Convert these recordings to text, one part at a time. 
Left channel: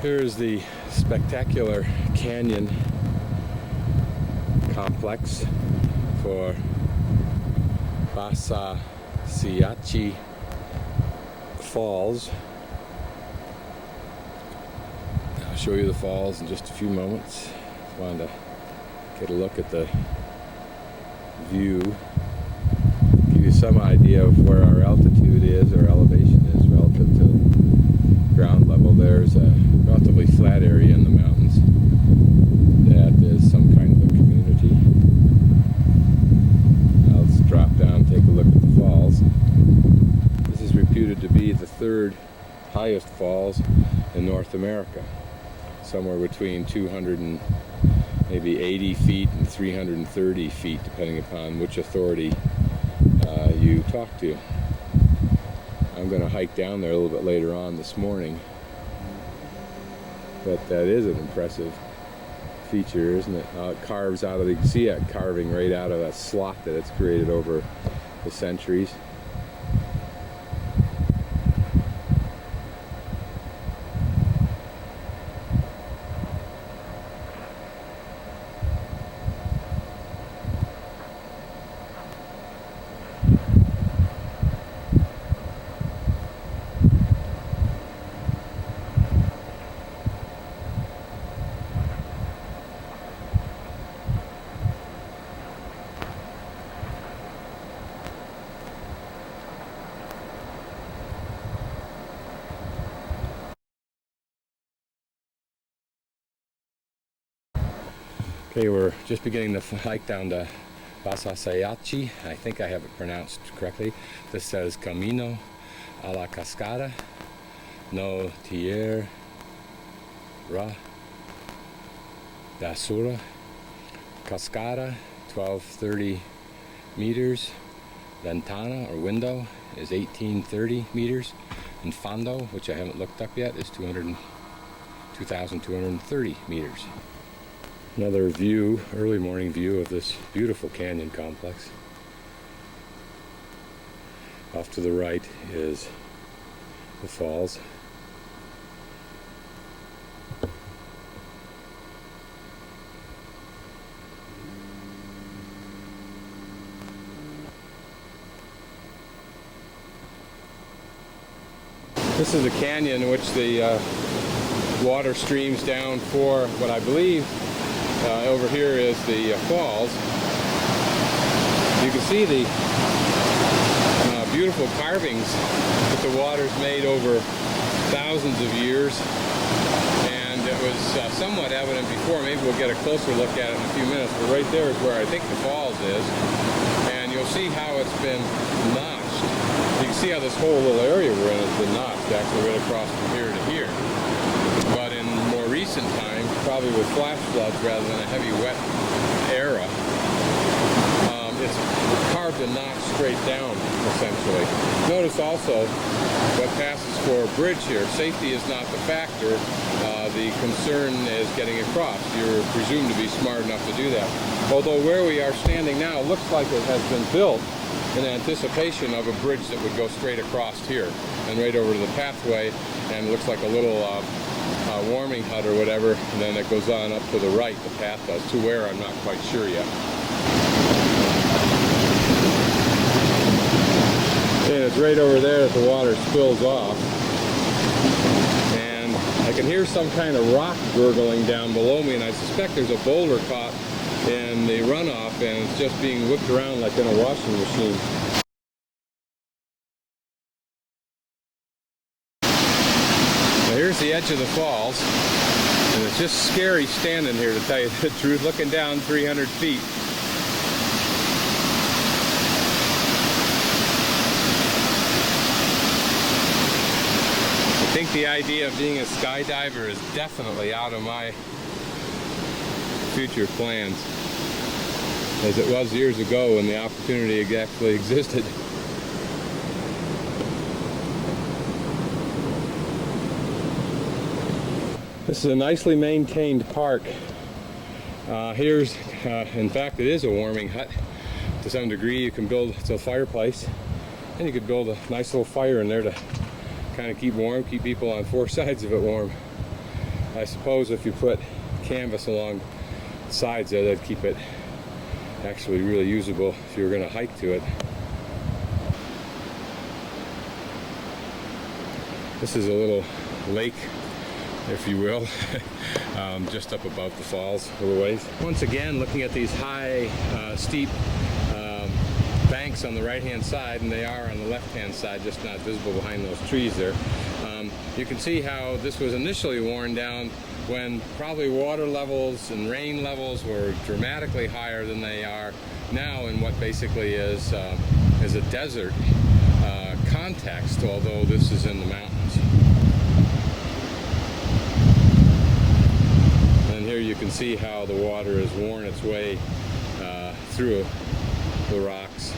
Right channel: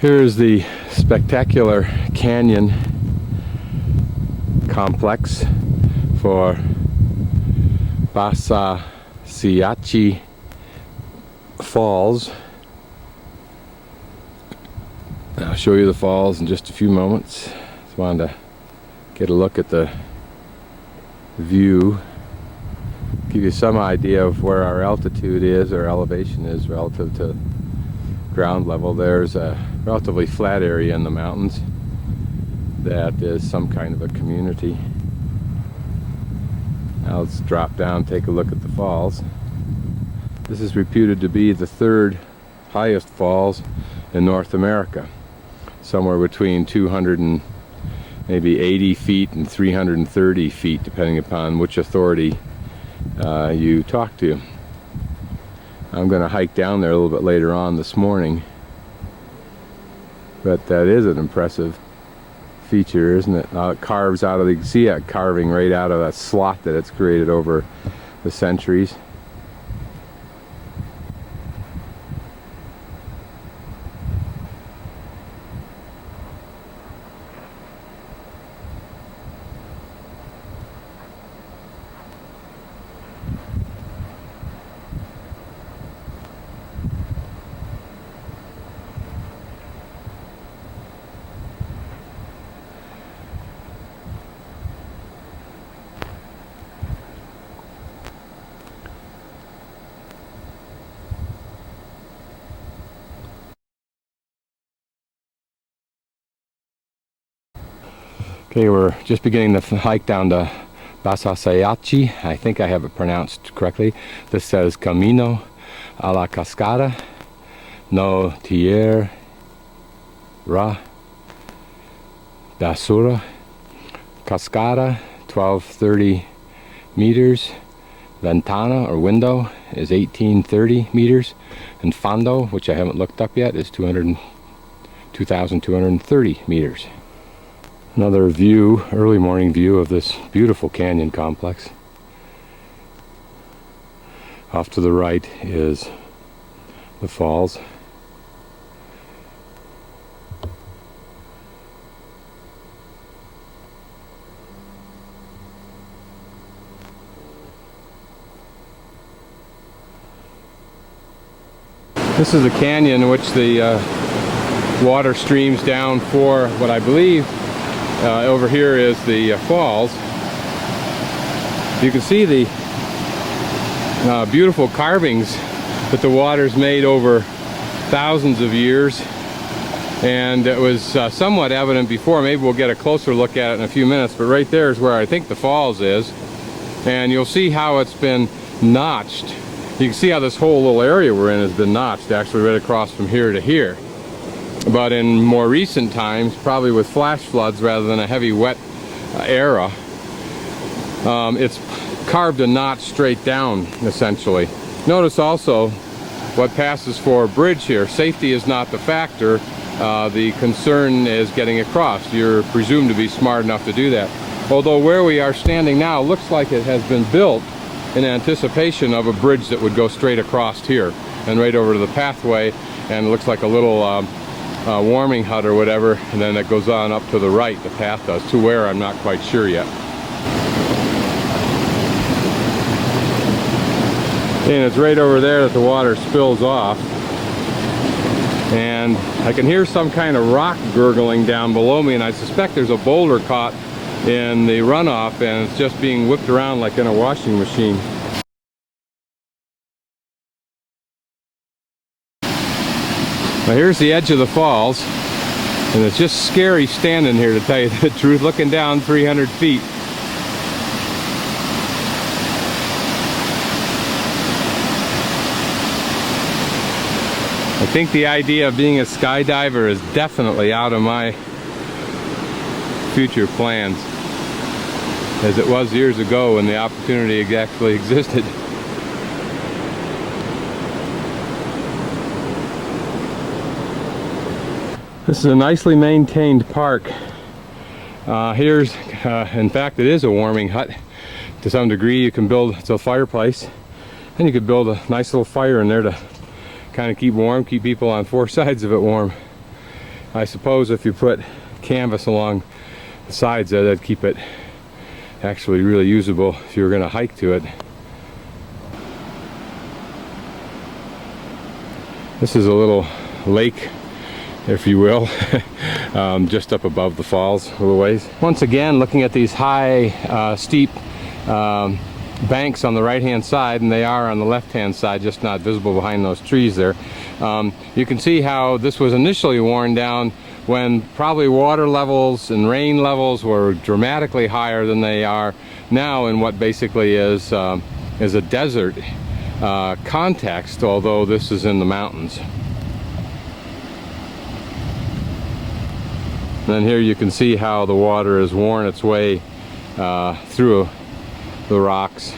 Here's the spectacular canyon complex for Basaseachi Falls. I'll show you the falls in just a few moments. Just wanted to get a look at the view, give you some idea of where our altitude is, or elevation is relative to ground level. There's a relatively flat area in the mountains that is some kind of a community. Now let's drop down, take a look at the falls. This is reputed to be the third highest falls in North America, somewhere between 200 and maybe 80 feet and 330 feet, depending upon which authority you talk to. I'm going to hike down there a little bit later on this morning, but that is an impressive feature, isn't it? It carves out of the, you can see that carving right out of that slot that it's created over the centuries. Okay, we're just beginning the hike down to Basaseachi. I think I have it pronounced correctly. This says Camino a la Cascada no Tierra Basura. Cascada, 1230 meters. Ventana, or window, is 1830 meters. And fondo, which I haven't looked up yet, is 2,230 meters. Another view, early morning view of this beautiful canyon complex. Off to the right is the falls. This is a canyon in which the water streams down for what I believe over here is the falls. You can see the beautiful carvings that the water's made over thousands of years, and it was somewhat evident before. Maybe we'll get a closer look at it in a few minutes, but right there is where I think the falls is, and you'll see how it's been notched. You can see how this whole little area we're in has been notched, actually right across from here to here. But in more recent times, probably with flash floods rather than a heavy wet era, it's carved a notch straight down, essentially. Notice also what passes for a bridge here. Safety is not the factor. The concern is getting across. You're presumed to be smart enough to do that. Although where we are standing now looks like it has been built in anticipation of a bridge that would go straight across here and right over to the pathway, and it looks like a little warming hut or whatever, and then it goes on up to the right, the path does, to where I'm not quite sure yet. And it's right over there that the water spills off, and I can hear some kind of rock gurgling down below me, and I suspect there's a boulder caught in the runoff and it's just being whipped around like in a washing machine. Now here's the edge of the falls, and it's just scary standing here, to tell you the truth, looking down 300 feet. I think the idea of being a skydiver is definitely out of my future plans, as it was years ago when the opportunity actually existed. This is a nicely maintained park. Here's, in fact, it is a warming hut. To some degree, you can build, it's a fireplace, and you could build a nice little fire in there to kind of keep warm, keep people on four sides of it warm. I suppose if you put canvas along the sides there, that'd keep it actually really usable if you were going to hike to it. This is a little lake, if you will, just up above the falls a little ways. Once again, looking at these high, steep banks on the right hand side, and they are on the left hand side, just not visible behind those trees there. You can see how this was initially worn down when probably water levels and rain levels were dramatically higher than they are now in what basically is a desert context, although this is in the mountains. And then here you can see how the water has worn its way through the rocks.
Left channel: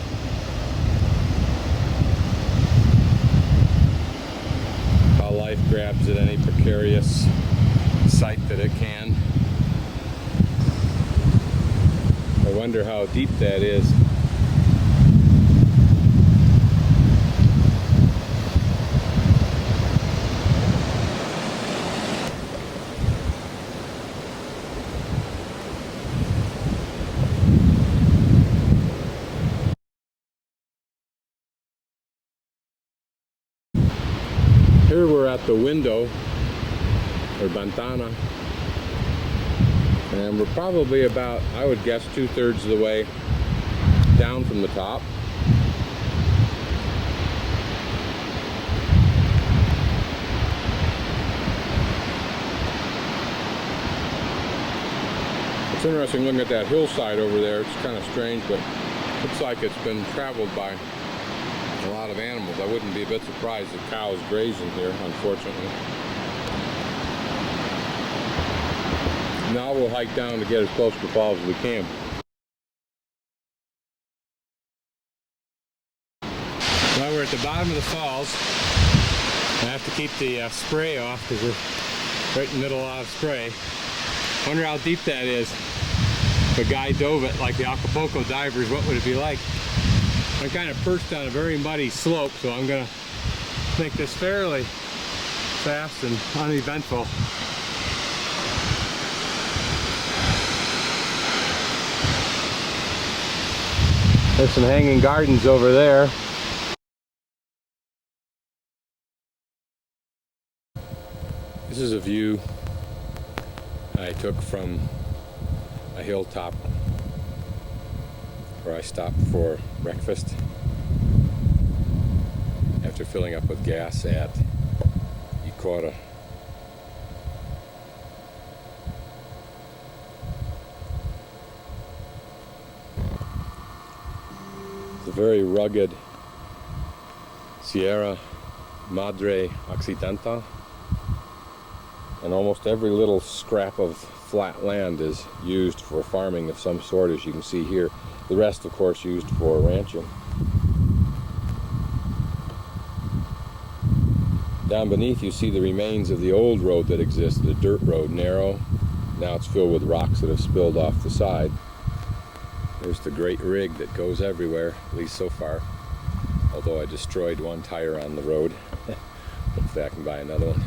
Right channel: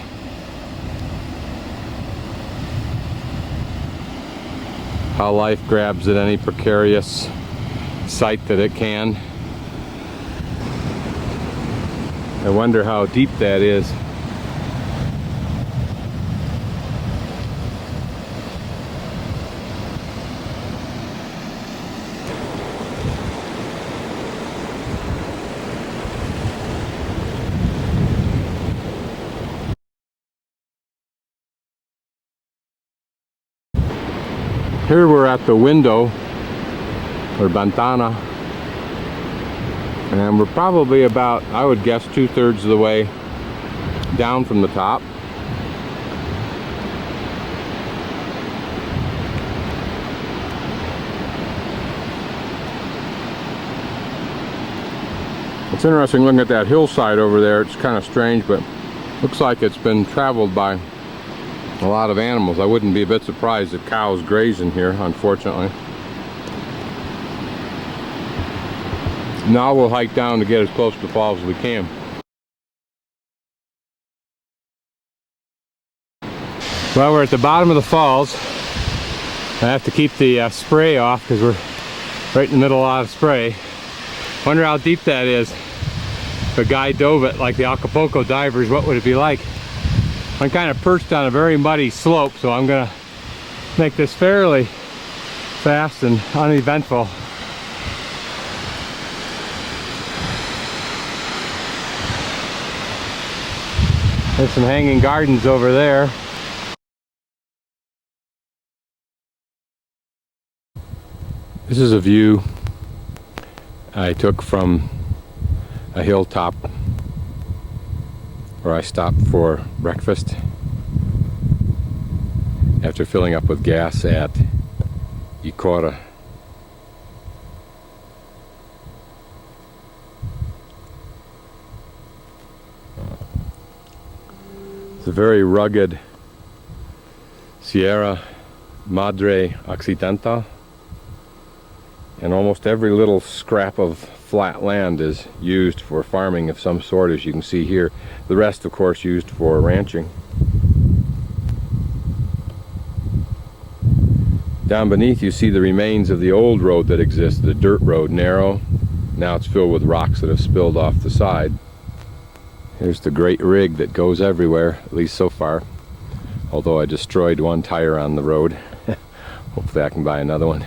How life grabs at any precarious site that it can. I wonder how deep that is. Here we're at the window, or ventana, and we're probably about, I would guess, 2/3 of the way down from the top. It's interesting looking at that hillside over there. It's kind of strange, but looks like it's been traveled by a lot of animals. I wouldn't be a bit surprised if cows graze in here, unfortunately. Now we'll hike down to get as close to the falls as we can. Well, we're at the bottom of the falls. I have to keep the spray off because we're right in the middle of a lot of spray. Wonder how deep that is. If a guy dove it like the Acapulco divers, what would it be like? I'm kind of perched on a very muddy slope, so I'm gonna make this fairly fast and uneventful. There's some hanging gardens over there. This is a view I took from a hilltop where I stopped for breakfast after filling up with gas at Icora. It's a very rugged Sierra Madre Occidental, and almost every little scrap of flat land is used for farming of some sort, as you can see here. The rest, of course, used for ranching. Down beneath you see the remains of the old road that existed, a dirt road, narrow. Now it's filled with rocks that have spilled off the side. There's the great rig that goes everywhere, at least so far. Although I destroyed one tire on the road. Hopefully I can buy another one.